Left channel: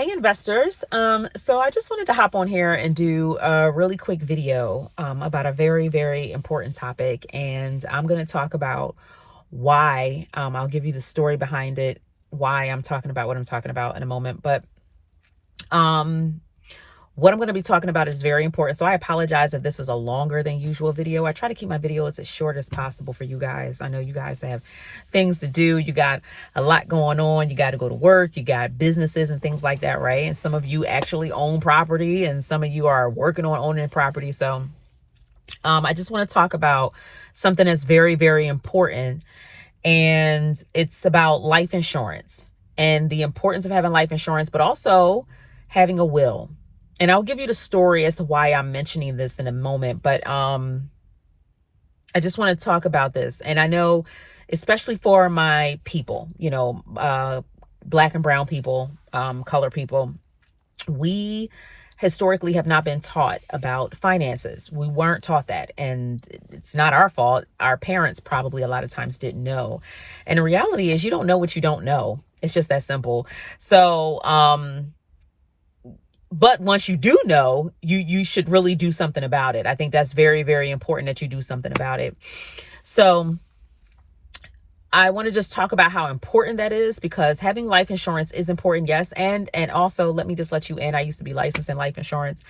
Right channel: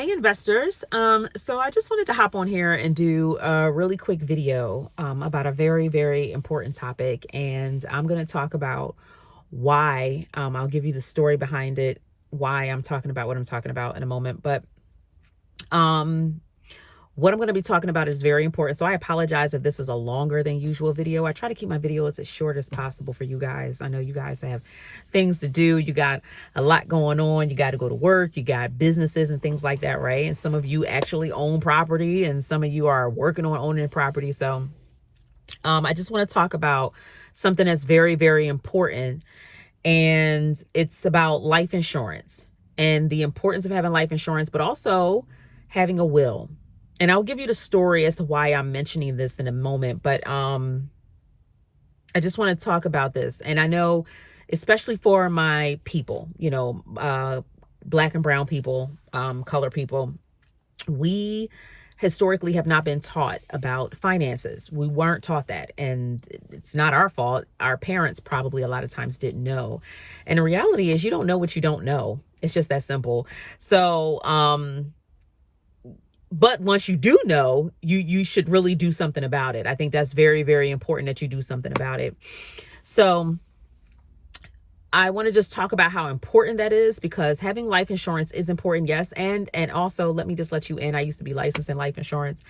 Hey investors. So I just wanted to hop on here and do a really quick video about a very, very important topic. And I'm going to talk about why. I'll give you the story behind it, why I'm talking about what I'm talking about in a moment. But what I'm going to be talking about is very important. So I apologize if this is a longer than usual video. I try to keep my videos as short as possible for you guys. I know you guys have things to do. You got a lot going on. You got to go to work. You got businesses and things like that, right? And some of you actually own property and some of you are working on owning property. So I just want to talk about something that's very, very important. And it's about life insurance and the importance of having life insurance, but also having a will. And I'll give you the story as to why I'm mentioning this in a moment. But I just want to talk about this. And I know, especially for my people, Black and brown people, color people, we historically have not been taught about finances. We weren't taught that. And it's not our fault. Our parents probably a lot of times didn't know. And the reality is you don't know what you don't know. It's just that simple. So, but once you do know, you should really do something about it. I think that's very, very important that you do something about it. So I want to just talk about how important that is, because having life insurance is important, yes. And also, let me just let you in. I used to be licensed in life insurance.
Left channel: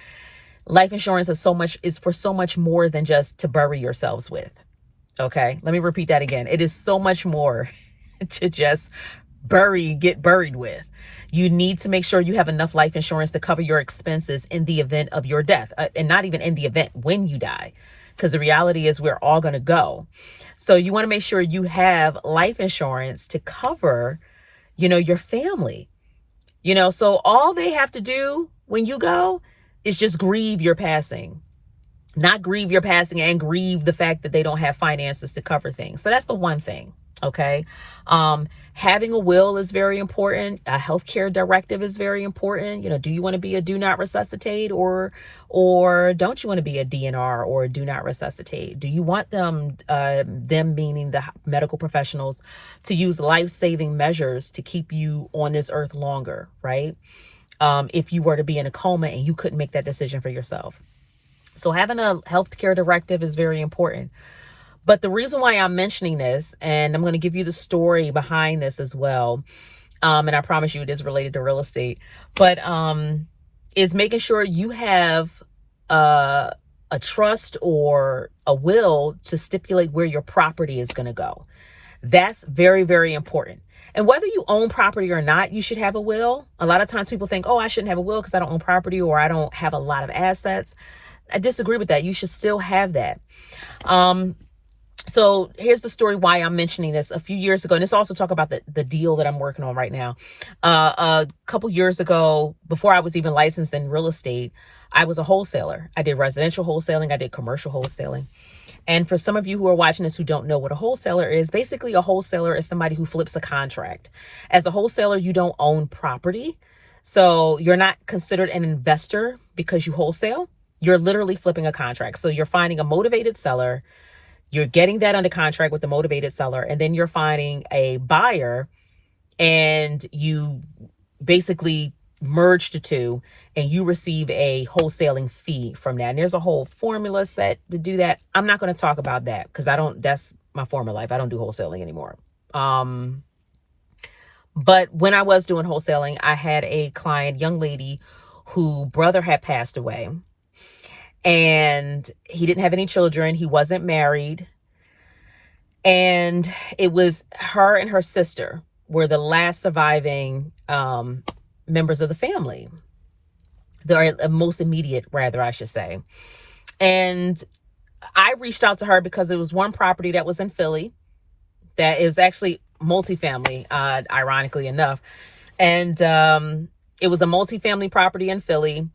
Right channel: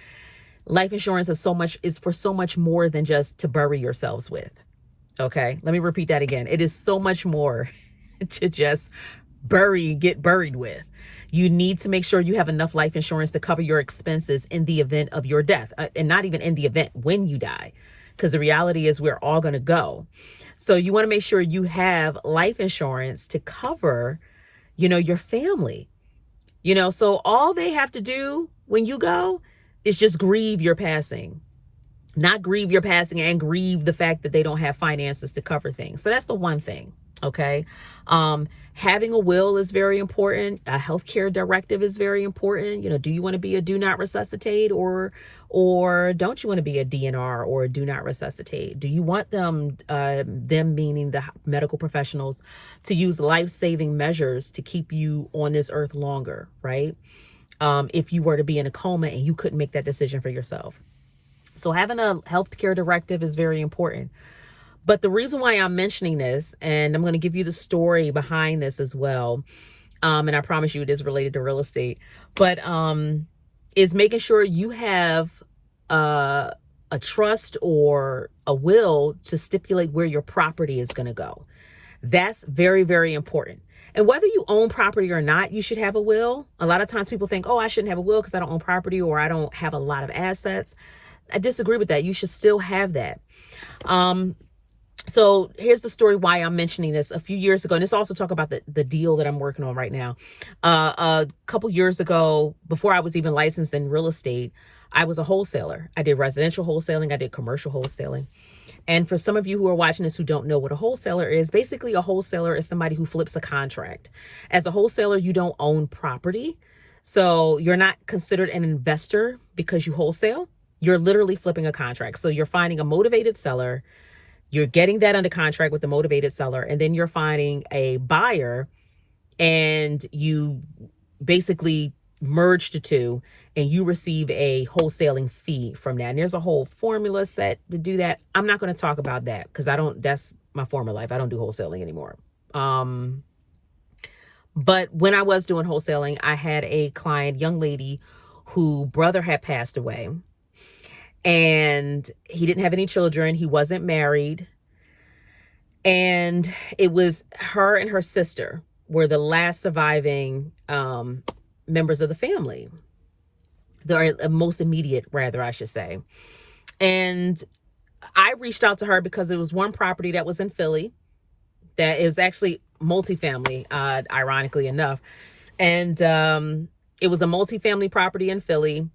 Life insurance is for so much more than just to bury yourselves with. Okay, let me repeat that again. It is so much more to just get buried with. You need to make sure you have enough life insurance to cover your expenses in the event of your death, and not even in the event when you die, because the reality is we're all going to go. So you want to make sure you have life insurance to cover, your family, so all they have to do when you go is just grieve your passing. Not grieve your passing and grieve the fact that they don't have finances to cover things. So that's the one thing. Okay. Having a will is very important. A healthcare directive is very important. Do you want to be a do not resuscitate or don't you want to be a DNR or a do not resuscitate? Do you want them meaning the medical professionals, to use life-saving measures to keep you on this earth longer, right? If you were to be in a coma and you couldn't make that decision for yourself. So having a healthcare directive is very important. But the reason why I'm mentioning this, and I'm going to give you the story behind this as well, and I promise you it is related to real estate, but is making sure you have a trust or a will to stipulate where your property is going to go. That's very, very important. And whether you own property or not, you should have a will. A lot of times people think, oh, I shouldn't have a will because I don't own property or I don't have a lot of assets. I disagree with that. You should still have that. So here's the story why I'm mentioning this. A few years ago, and this also talk about the deal that I'm working on right now. A couple years ago, before I was even licensed in real estate, I was a wholesaler. I did residential wholesaling. I did commercial wholesaling. And for some of you who are watching this who don't know what a wholesaler is, basically a wholesaler is somebody who flips a contract. As a wholesaler, you don't own property. So you're not considered an investor because you wholesale. You're literally flipping a contract. So you're finding a motivated seller. You're getting that under contract with the motivated seller, and then you're finding a buyer and you basically merge the two and you receive a wholesaling fee from that. And there's a whole formula set to do that. I'm not going to talk about that because that's my former life. I don't do wholesaling anymore. But when I was doing wholesaling, I had a client, young lady, who brother had passed away. And he didn't have any children. He wasn't married. And it was her and her sister were the last surviving members of the family. The most immediate, rather, I should say. And I reached out to her because it was one property that was in Philly that is actually multifamily, ironically enough. And it was a multifamily property in Philly.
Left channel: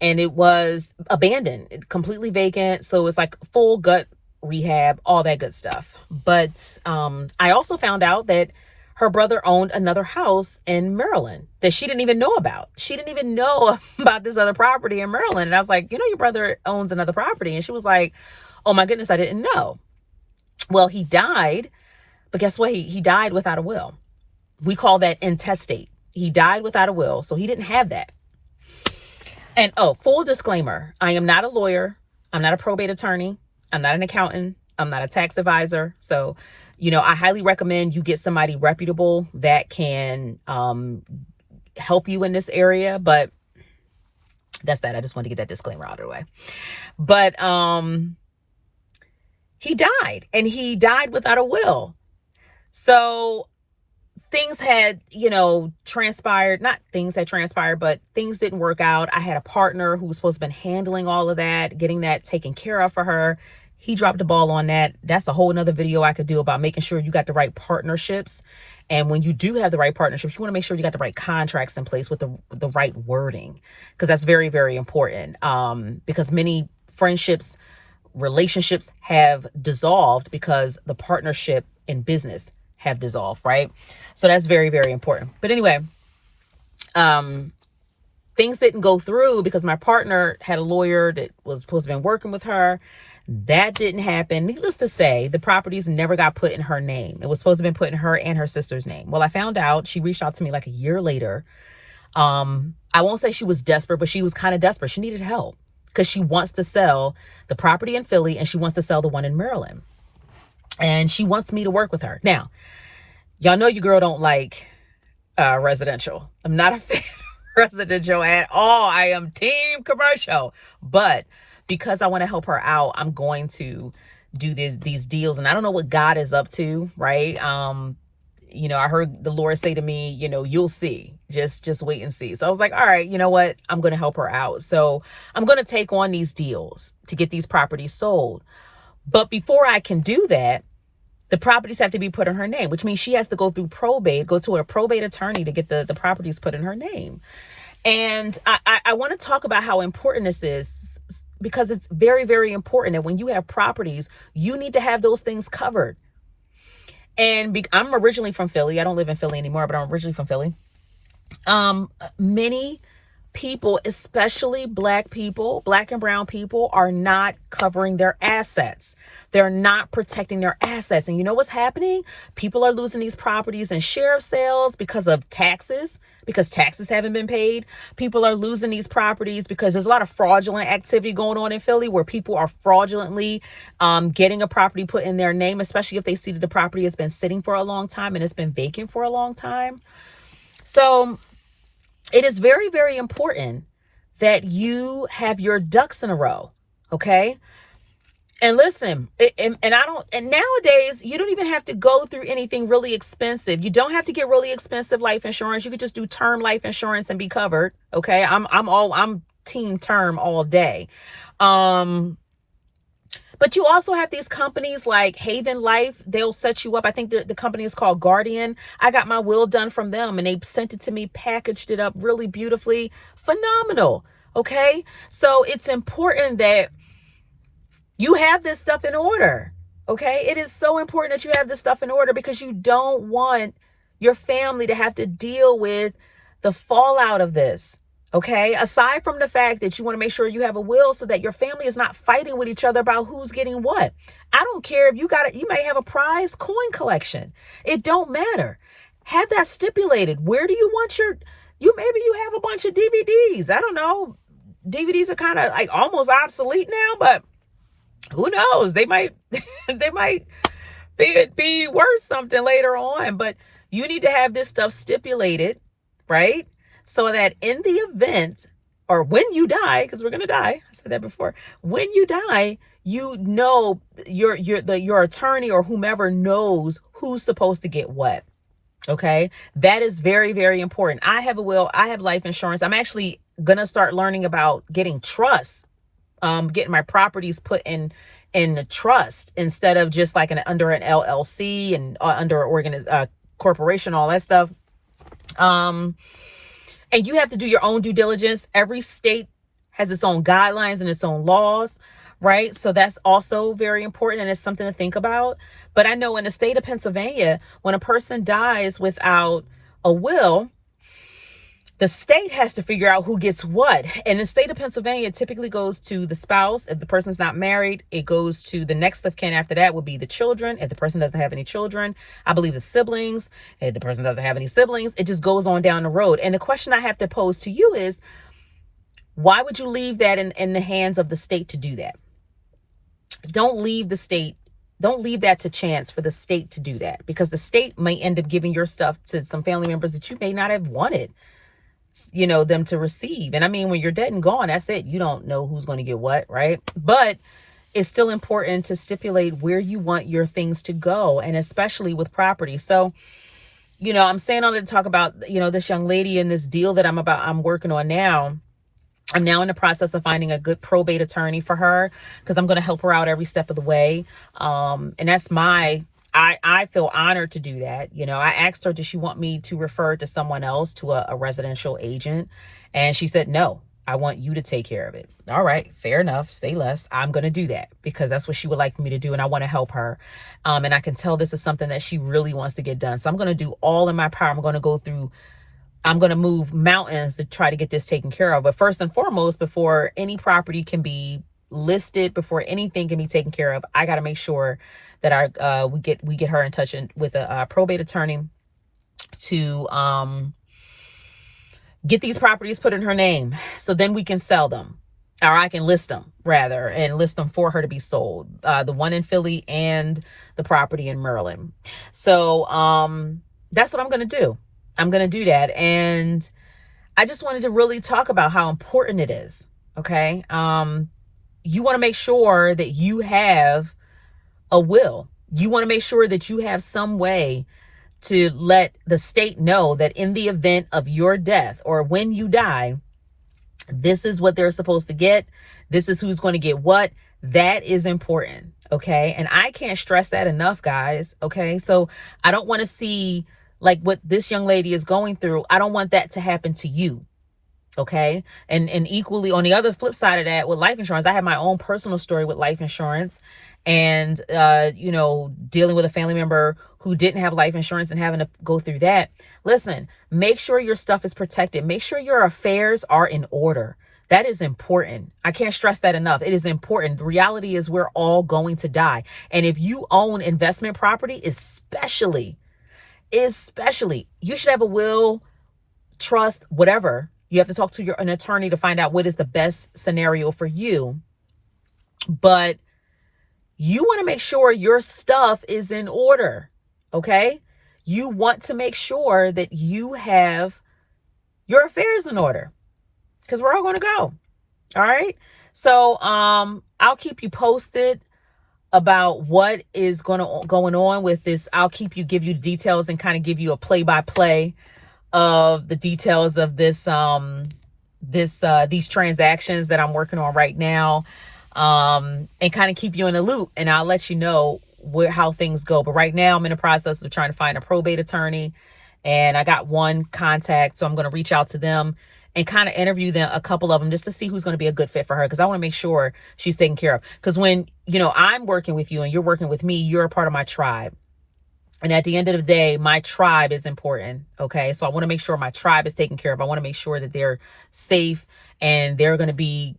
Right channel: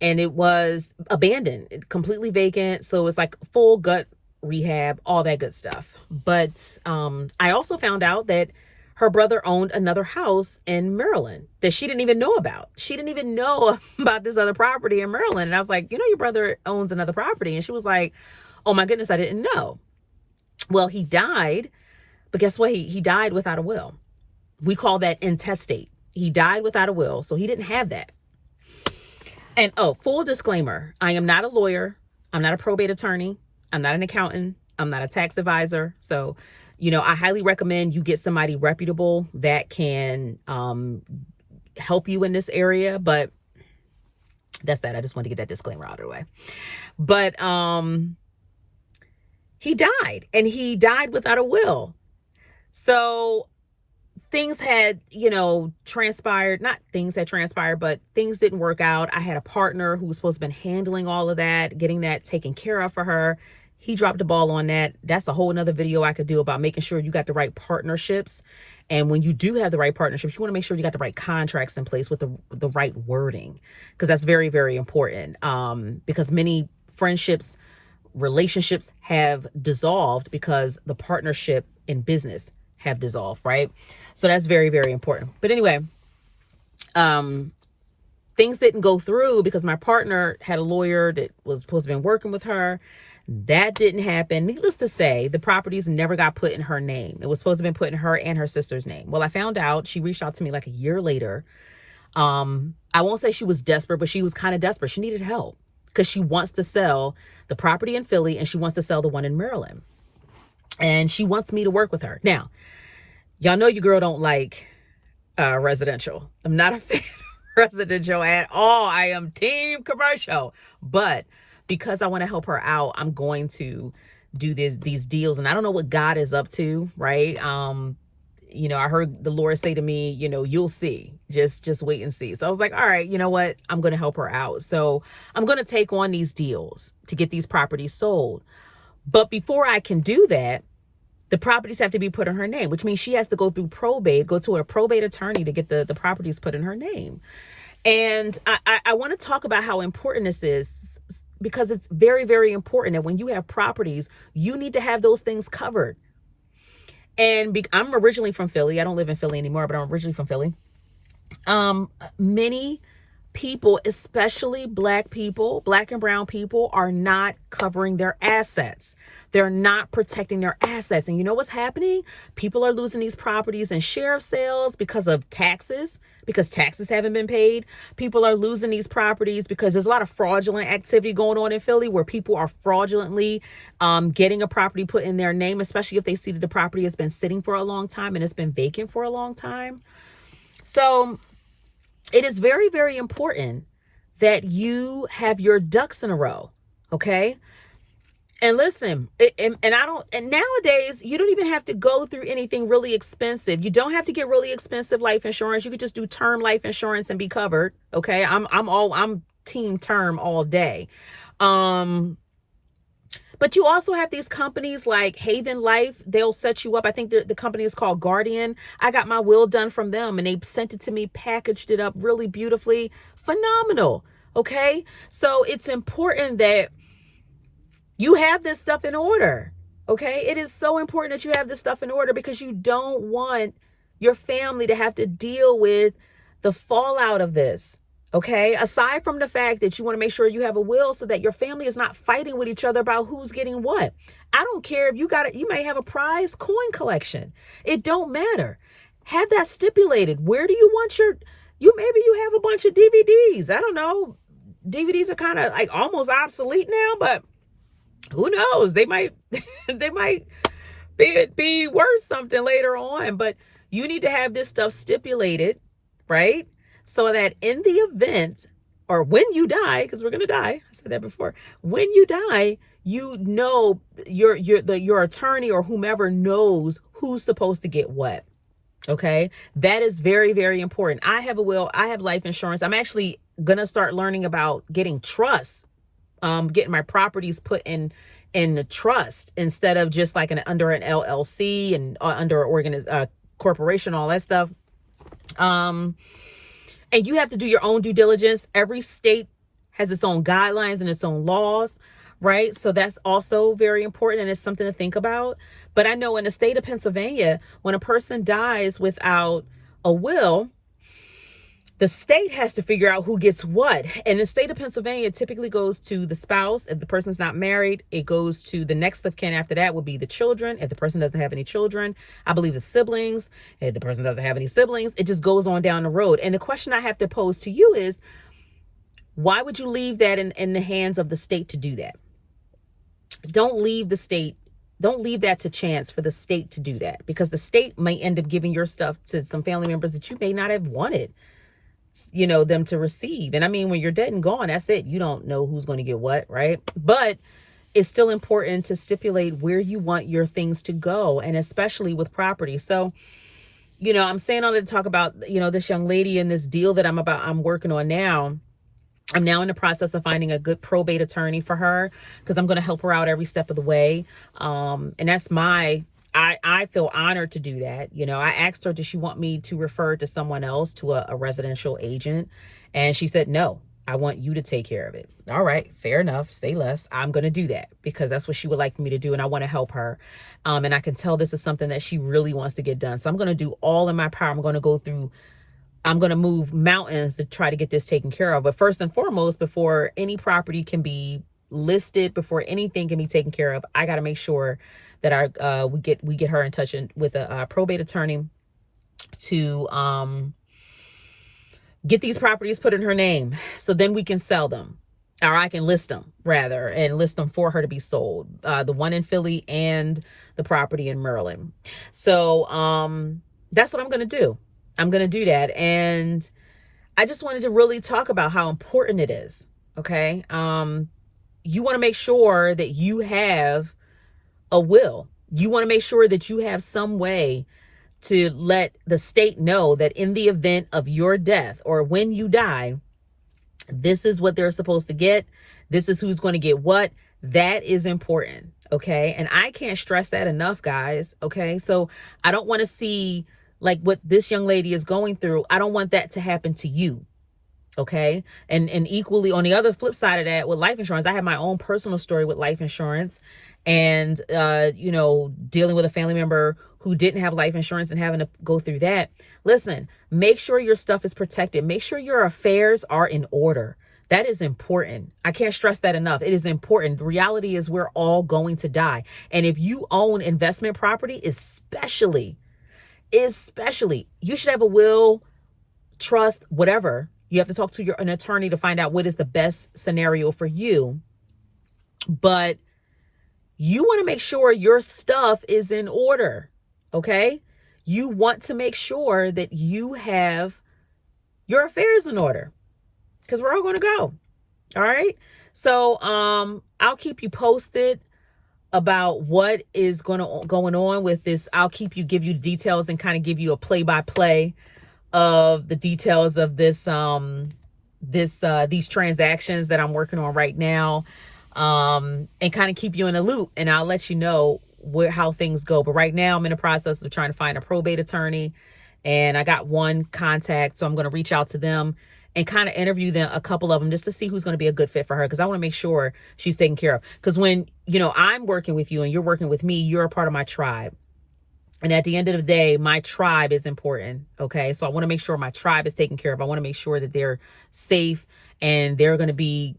And it was abandoned, completely vacant. So it's like full gut rehab, all that good stuff. But I also found out that her brother owned another house in Maryland that she didn't even know about. She didn't even know about this other property in Maryland. And I was like, your brother owns another property. And she was like, oh my goodness, I didn't know. Well, he died, but guess what? He died without a will. We call that intestate. He died without a will, so he didn't have that. And oh, full disclaimer, I am not a lawyer. I'm not a probate attorney. I'm not an accountant. I'm not a tax advisor. So, I highly recommend you get somebody reputable that can help you in this area. But that's that. I just want to get that disclaimer out of the way. But he died, and he died without a will. So things had, transpired, not things had transpired, but things didn't work out. I had a partner who was supposed to have been handling all of that, getting that taken care of for her. He dropped the ball on that. That's a whole nother video I could do about making sure you got the right partnerships. And when you do have the right partnerships, you want to make sure you got the right contracts in place with the right wording, because that's very, very important. Because many friendships, relationships have dissolved because the partnership in business have dissolved, right? So that's very, very important. But anyway, things didn't go through because my partner had a lawyer that was supposed to have been working with her. That didn't happen. Needless to say, the properties never got put in her name. It was supposed to have been put in her and her sister's name. Well, I found out, she reached out to me like a year later. I won't say she was desperate, but she was kind of desperate. She needed help because she wants to sell the property in Philly and she wants to sell the one in Maryland. And she wants me to work with her. Now, y'all know your girl don't like residential. I'm not a fan of residential at all. I am team commercial. But because I want to help her out, I'm going to do these deals. And I don't know what God is up to, right? I heard the Lord say to me, you'll see. Just wait and see. So I was like, all right, you know what? I'm going to help her out. So I'm going to take on these deals to get these properties sold. But before I can do that, the properties have to be put in her name, which means she has to go through probate, go to a probate attorney to get the properties put in her name. And I want to talk about how important this is, because it's very, very important that when you have properties, you need to have those things covered. And I'm originally from Philly. I don't live in Philly anymore, but I'm originally from Philly. Many people, especially Black and brown people, are not covering their assets. They're not protecting their assets. And you know what's happening? People are losing these properties in sheriff sales because of taxes, because taxes haven't been paid. People are losing these properties because there's a lot of fraudulent activity going on in Philly where people are fraudulently getting a property put in their name, especially if they see that the property has been sitting for a long time and it's been vacant for a long time. So it is very, very important that you have your ducks in a row. Okay. And listen, and nowadays you don't even have to go through anything really expensive. You don't have to get really expensive life insurance. You could just do term life insurance and be covered. Okay. I'm team term all day. But you also have these companies like Haven Life. They'll set you up. I think the company is called Guardian. I got my will done from them and they sent it to me, packaged it up really beautifully. Phenomenal. Okay. So it's important that you have this stuff in order. Okay. It is so important that you have this stuff in order because you don't want your family to have to deal with the fallout of this. Okay. Aside from the fact that you want to make sure you have a will so that your family is not fighting with each other about who's getting what. I don't care if you may have a prize coin collection. It don't matter. Have that stipulated. Where do you want maybe you have a bunch of DVDs. I don't know. DVDs are kind of like almost obsolete now, but who knows? They might be worth something later on, but you need to have this stuff stipulated, right? So that in the event, or when you die, because we're going to die, I said that before, when you die, your attorney or whomever knows who's supposed to get what. Okay. That is very, very important. I have a will. I have life insurance. I'm actually going to start learning about getting trusts, getting my properties put in the trust instead of just like under an LLC and under an corporation, all that stuff. And you have to do your own due diligence. Every state has its own guidelines and its own laws, right? So that's also very important and it's something to think about. But I know in the state of Pennsylvania, when a person dies without a will, The state has to figure out who gets what. And in the state of Pennsylvania, it typically goes to the spouse. If the person's not married, it goes to the next of kin after that would be the children. If the person doesn't have any children, I believe the siblings. If the person doesn't have any siblings, it just goes on down the road. And the question I have to pose to you is, why would you leave that in the hands of the state to do that? Don't leave the state. Don't leave that to chance for the state to do that, because the state may end up giving your stuff to some family members that you may not have wanted, them to receive. And I mean, when you're dead and gone, that's it. You don't know who's going to get what, right? But it's still important to stipulate where you want your things to go, and especially with property. So, I'm saying all that to talk about, this young lady and this deal that I'm working on now. I'm now in the process of finding a good probate attorney for her, because I'm going to help her out every step of the way. And that's I feel honored to do that. I asked her, does she want me to refer to someone else, to a residential agent? And she said, no, I want you to take care of it. All right, fair enough. Say less. I'm going to do that because that's what she would like me to do. And I want to help her. And I can tell this is something that she really wants to get done. So I'm going to do all in my power. I'm going to move mountains to try to get this taken care of. But first and foremost, before any property can be listed, before anything can be taken care of, I got to make sure that we get her in touch with a probate attorney to get these properties put in her name, so then we can sell them, or I can list them rather, and list them for her to be sold. The one in Philly and the property in Maryland. So that's what I'm going to do. I'm going to do that. And I just wanted to really talk about how important it is. Okay. You want to make sure that you have a will. You want to make sure that you have some way to let the state know that in the event of your death, or when you die, this is what they're supposed to get. This is who's going to get what. That is important. Okay. And I can't stress that enough, guys. Okay. So I don't want to see like what this young lady is going through. I don't want that to happen to you. Okay. And equally on the other flip side of that, with life insurance, I have my own personal story with life insurance, and, dealing with a family member who didn't have life insurance and having to go through that. Listen, make sure your stuff is protected. Make sure your affairs are in order. That is important. I can't stress that enough. It is important. The reality is we're all going to die. And if you own investment property, especially, you should have a will, trust, whatever. You have to talk to an attorney to find out what is the best scenario for you. But you want to make sure your stuff is in order. Okay. You want to make sure that you have your affairs in order, because we're all going to go. All right. So, I'll keep you posted about what is going on with this. I'll give you details and kind of give you a play-by-play of the details of this, these transactions that I'm working on right now, and kind of keep you in a loop, and I'll let you know how things go. But right now I'm in the process of trying to find a probate attorney, and I got one contact, so I'm going to reach out to them and kind of interview them, a couple of them, just to see who's going to be a good fit for her. Because I want to make sure she's taken care of. Because when, I'm working with you and you're working with me, you're a part of my tribe. And at the end of the day, my tribe is important. Okay. So I want to make sure my tribe is taken care of. I want to make sure that they're safe and they're going to be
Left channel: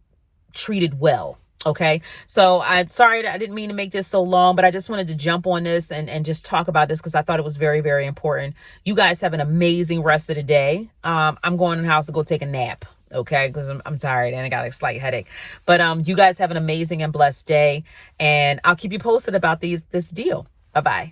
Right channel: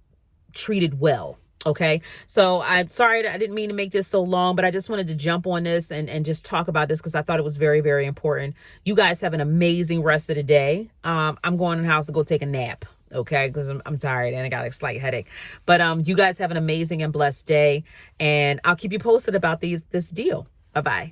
treated well. Okay. So I'm sorry that I didn't mean to make this so long, but I just wanted to jump on this and just talk about this, because I thought it was very, very important. You guys have an amazing rest of the day. I'm going in the house to go take a nap. Okay. Because I'm tired and I got a slight headache, but you guys have an amazing and blessed day, and I'll keep you posted about this deal. Bye-bye.